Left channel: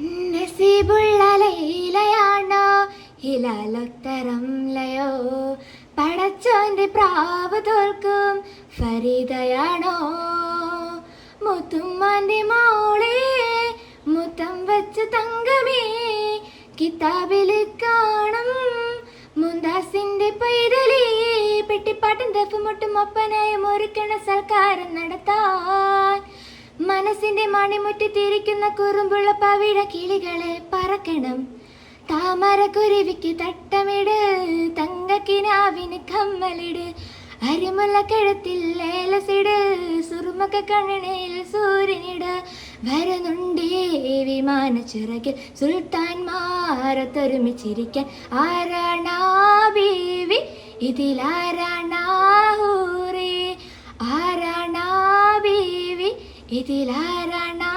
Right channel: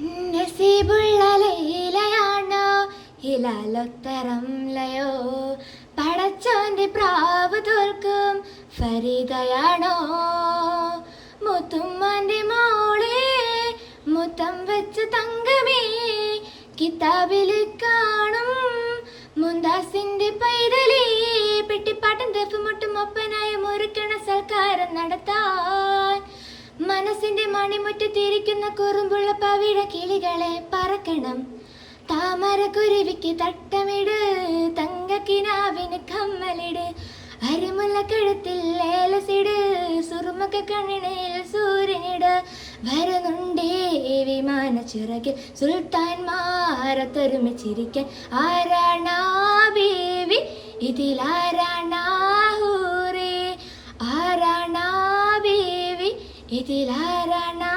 നസീബുള്ള ലൈലയാണോ ഹിലാലൊത്തരം ലയോ പടച്ചോന്റെ പ്രാവ് തോൽക്കും ഫരീദയാണോ മുത്തുമ്മാന്റെ മോളെ മുത്തം വെച്ച് തങ്കമേ കിതാബിൽ കാണും മുന്താസിന്റെ പൈതലേ പെട്ടിപ്പാട്ടും ദഫുമുട്ടും ഒപ്പനായും ഒരുക്കണ സൽക്കാരം നടത്താൻ മനസ്സിന്റെ മണിമുറ്റത്തിരിക്കുന്ന കുറുമ്പുള്ള പവിഴ കിളികളെ പറക്കണം താമരക്കുരുവിക്ക് തട്ടമിട് തങ്കക്കിനാവിന് കമ്മലിട് അരിമുല്ല കഴുത്തിൽ ലേലസിട് സുറുമക്ക കണ്ണിണിൽ സൂര്യനിട് വരുന്നുണ്ടേ വിമാന ചിറകിൽ സുൽത്താൻമാരൊത്തൊരുമിച്ചിരിക്കാൻ ആരാണാ ബീവി ഇതിലാരാണാ ഹൂറേ ആരാണാ ബീവി ഇതിലാരാണാ